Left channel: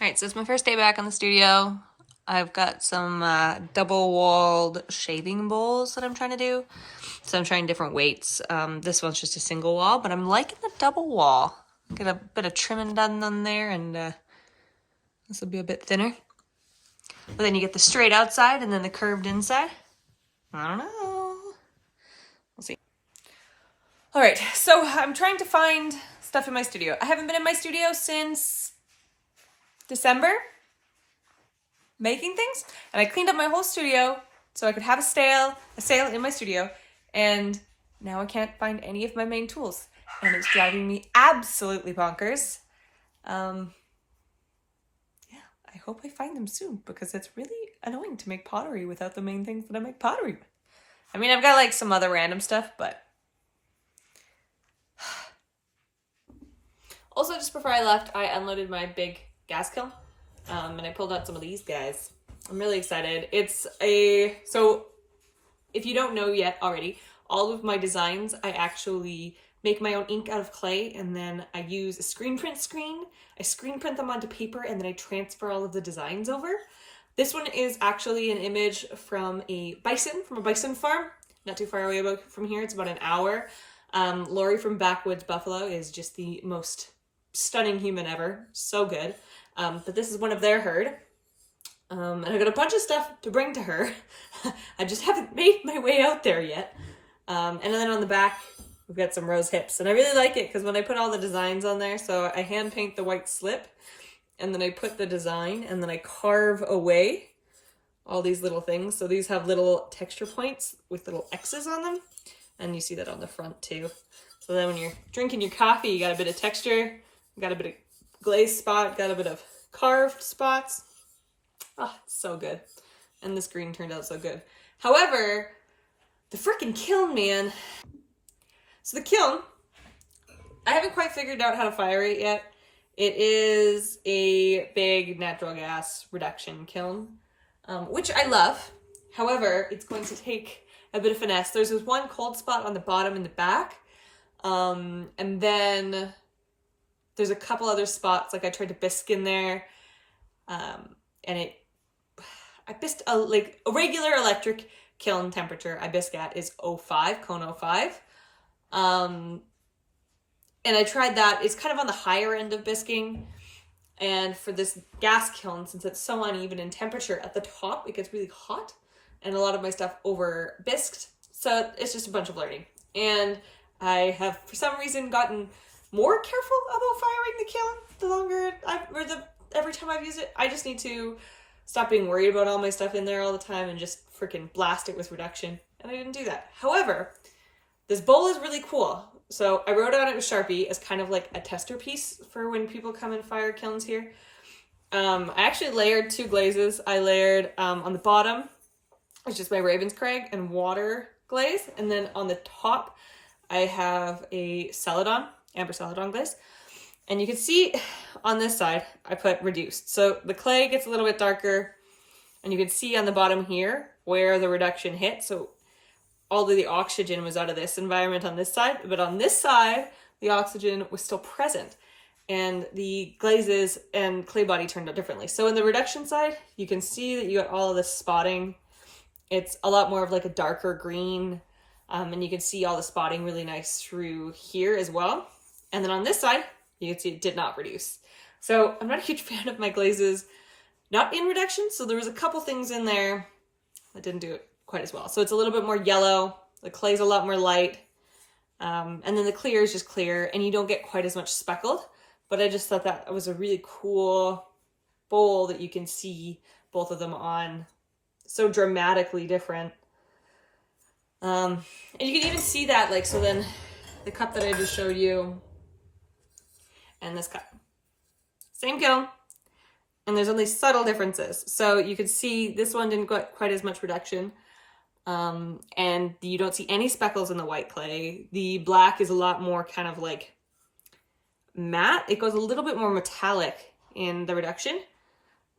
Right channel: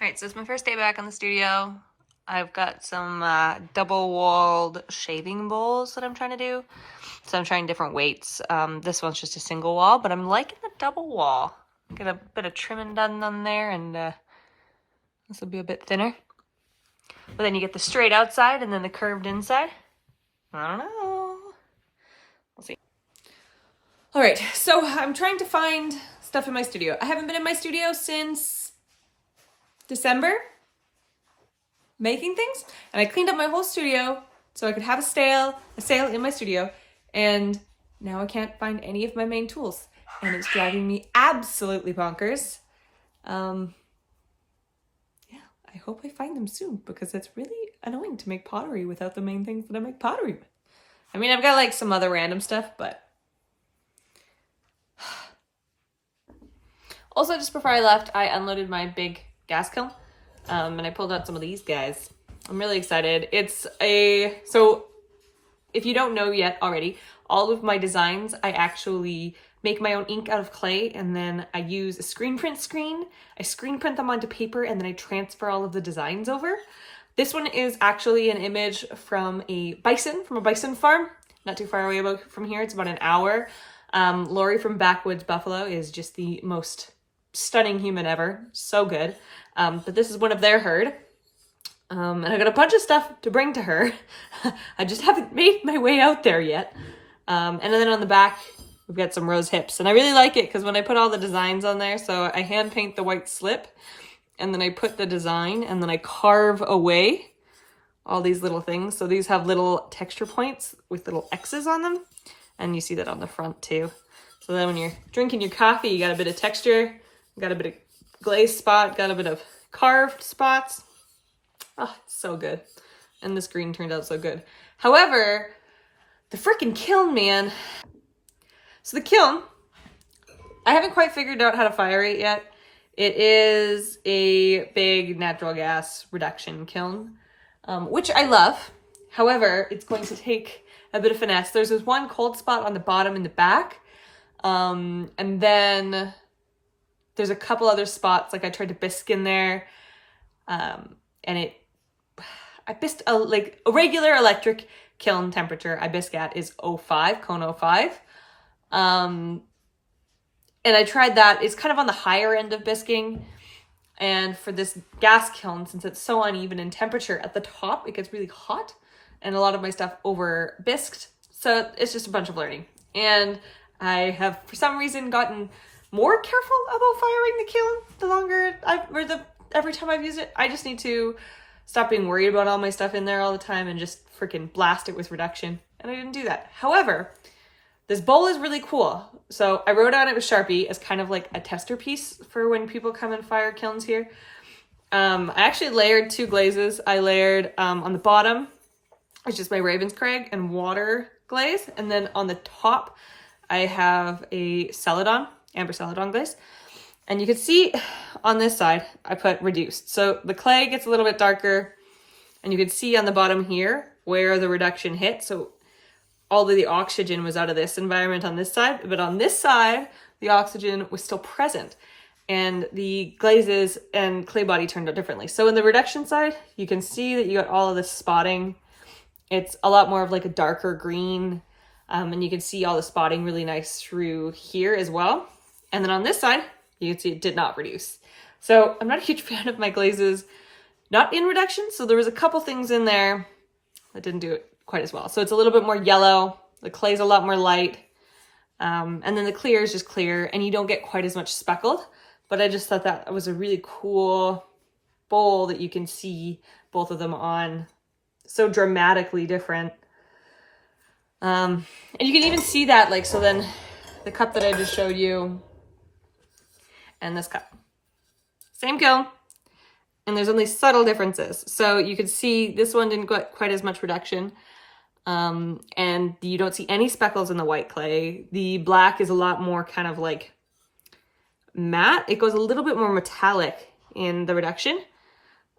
Alright, so it's my first day back in the studio. I've got some double-walled shaving bowls that I'm trying to do. So I'm trying different weights. This one's just a single wall, but I'm liking the double wall. Get a bit of trimming done on there, and this will be a bit thinner. But then you get the straight outside and then the curved inside. I don't know. We'll see. Alright, so I'm trying to find stuff in my studio. I haven't been in my studio since December, making things, and I cleaned up my whole studio so I could have a sale in my studio, and now I can't find any of my main tools, and it's driving me absolutely bonkers. Yeah, I hope I find them soon, because it's really annoying to make pottery without the main things that I make pottery with. I mean, I've got like some other random stuff, but also just before I left, I unloaded my big gas kiln. And I pulled out some of these guys. I'm really excited. So if you don't know yet already, all of my designs, I actually make my own ink out of clay, and then I use a screen print screen. I screen print them onto paper, and then I transfer all of the designs over. This one is actually an image from a bison farm, not too far away from here. It's about an hour. Laurie from Backwoods Buffalo is just the most stunning human ever. So good. But this is one of their herd. And I got a bunch of stuff to bring to her. I just haven't made my way out there yet. And then on the back, we've got some rose hips. And I really like it because when I put all the designs on there, so I hand paint the white slip, and then I put the design, and then I carve away all these little things. So these have little texture points with little X's on them. And you see that on the front too. So then when you're drinking your coffee, you got a bit of texture, got a bit of glaze spot, got a bit of carved spots. Oh, it's so good. And this green turned out so good. However, the freaking kiln, man. So the kiln, I haven't quite figured out how to fire it yet. It is a big natural gas reduction kiln, which I love. However, it's going to take a bit of finesse. There's this one cold spot on the bottom in the back. And then there's a couple other spots, like I tried to bisque in there, and I bisqued a regular electric kiln temperature I bisque at is 05, cone 05. And I tried that. It's kind of on the higher end of bisquing. And for this gas kiln, since it's so uneven in temperature, at the top it gets really hot, and a lot of my stuff over bisqued. So it's just a bunch of learning. And I have, for some reason, gotten more careful about firing the kiln every time I've used it. I just need to stop being worried about all my stuff in there all the time and just freaking blast it with reduction. And I didn't do that. However, this bowl is really cool. So I wrote on it with Sharpie as kind of like a tester piece for when people come and fire kilns here. I actually layered two glazes. I layered on the bottom, it's just my Ravenscraig and water glaze. And then on the top, I have a amber celadon glaze. And you can see on this side, I put reduced. So the clay gets a little bit darker, and you can see on the bottom here where the reduction hit. So all of the oxygen was out of this environment on this side, but on this side, the oxygen was still present, and the glazes and clay body turned out differently. So in the reduction side, you can see that you got all of this spotting. It's a lot more of like a darker green, and you can see all the spotting really nice through here as well. And then on this side, you can see it did not reduce. So I'm not a huge fan of my glazes not in reduction. So there was a couple things in there that didn't do it quite as well. So it's a little bit more yellow. The clay's a lot more light. And then the clear is just clear, and you don't get quite as much speckled. But I just thought that was a really cool bowl that you can see both of them on. So dramatically different. And you can even see that, like, so then the cup that I just showed you and this cup, same kiln, and there's only subtle differences. So you can see this one didn't get quite as much reduction, and you don't see any speckles in the white clay. The black is a lot more kind of like matte. It goes a little bit more metallic in the reduction,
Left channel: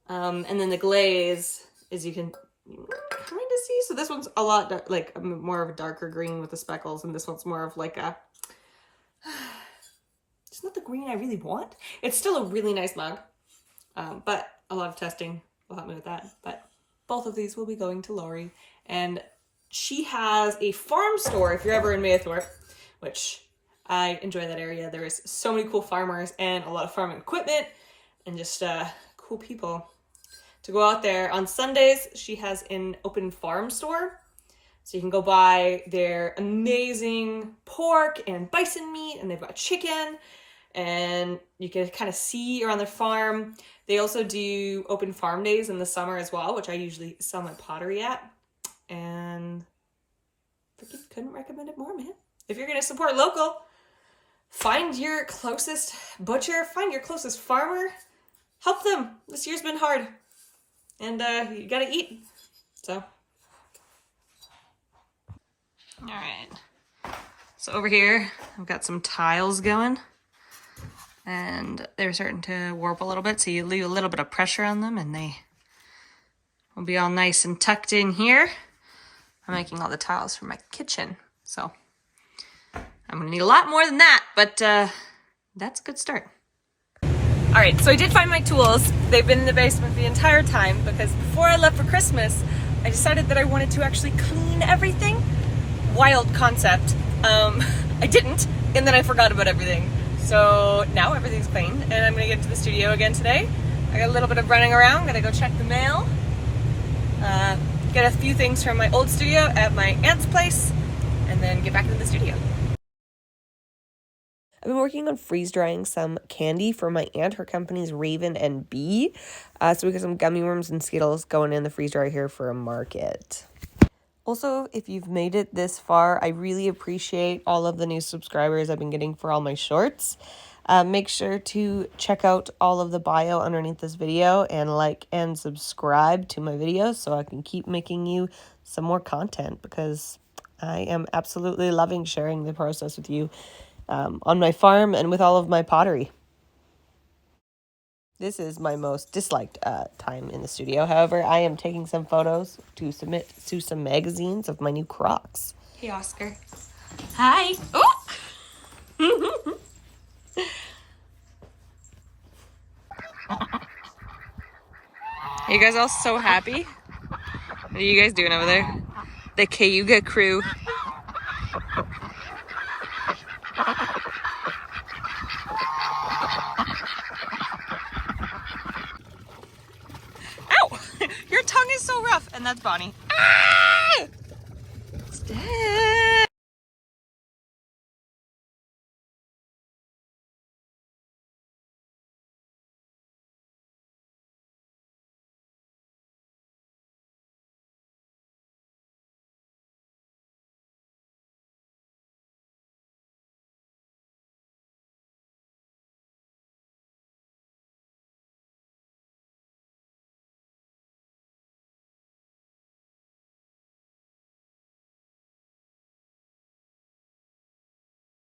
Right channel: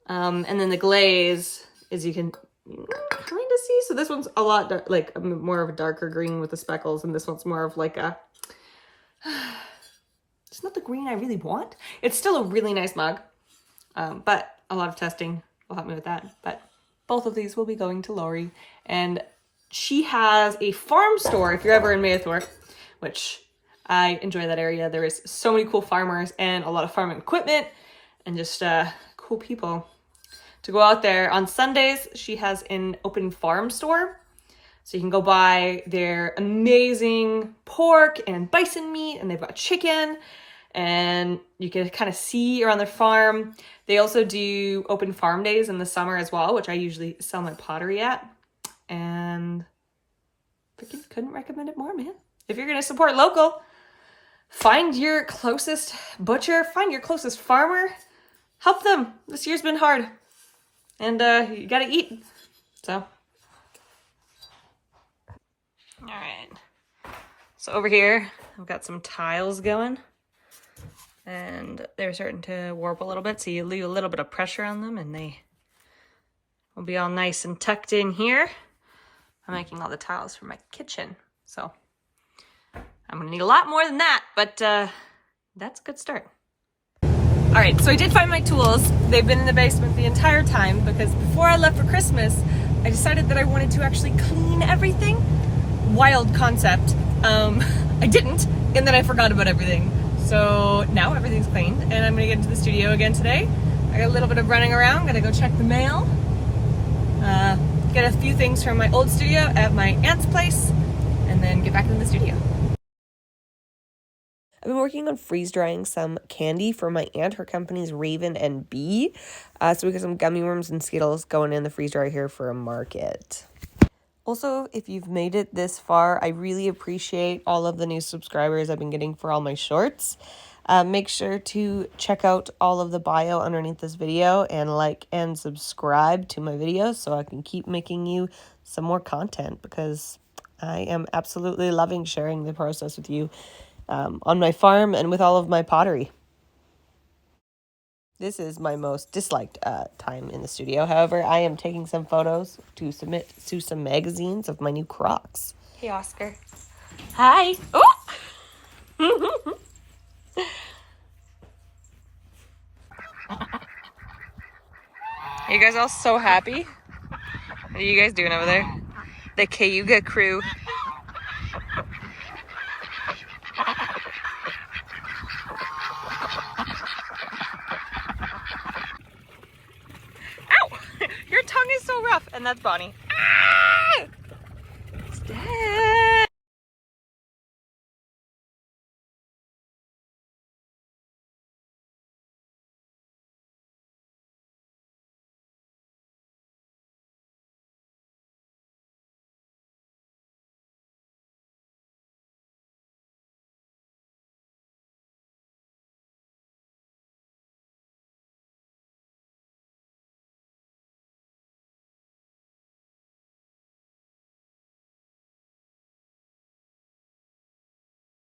and then the glaze, as you can kind of see, so this one's a lot like more of a darker green with the speckles, and this one's more of like a it's not the green I really want. It's still a really nice mug. But a lot of testing will help me with that. But both of these will be going to Laurie. And she has a farm store if you're ever in Maythorpe, which I enjoy that area. There is so many cool farmers and a lot of farming equipment and just cool people to go out there. On Sundays, she has an open farm store. So you can go buy their amazing pork and bison meat, and they've got chicken, and you can kind of see around their farm. They also do open farm days in the summer as well, which I usually sell my pottery at. And freaking couldn't recommend it more, man. If you're going to support local, find your closest butcher, find your closest farmer, help them. This year's been hard, and you got to eat. So, all right. So over here, I've got some tiles going, and they're starting to warp a little bit. So you leave a little bit of pressure on them, and they will be all nice and tucked in here. I'm making all the tiles for my kitchen, so I'm gonna need a lot more than that, but that's a good start. All right, so I did find my tools. They've been in the basement the entire time because before I left for Christmas, I decided that I wanted to actually clean everything. Wild concept. I didn't, and then I forgot about everything. So now everything's clean, and I'm gonna get into the studio again today. I got a little bit of running around, gotta go check the mail. Get a few things from my old studio at my aunt's place, and then get back into the studio. I've been working on freeze drying some candy for my aunt. Her company's Raven and Bee. So we got some gummy worms and Skittles going in the freeze dryer here for a market. Also, if you've made it this far, I really appreciate all of the new subscribers I've been getting for all my shorts. Make sure to check out all of the bio underneath this video and like and subscribe to my videos so I can keep making you some more content, because I am absolutely loving sharing the process with you on my farm and with all of my pottery. This is my most disliked time in the studio. However, I am taking some photos to submit to some magazines of my new Crocs. Hey, Oscar. Hi. Oh! Are you guys all so happy? What are you guys doing over there? The Cayuga crew. Ow! Your tongue is so rough. And that's Bonnie. Ah!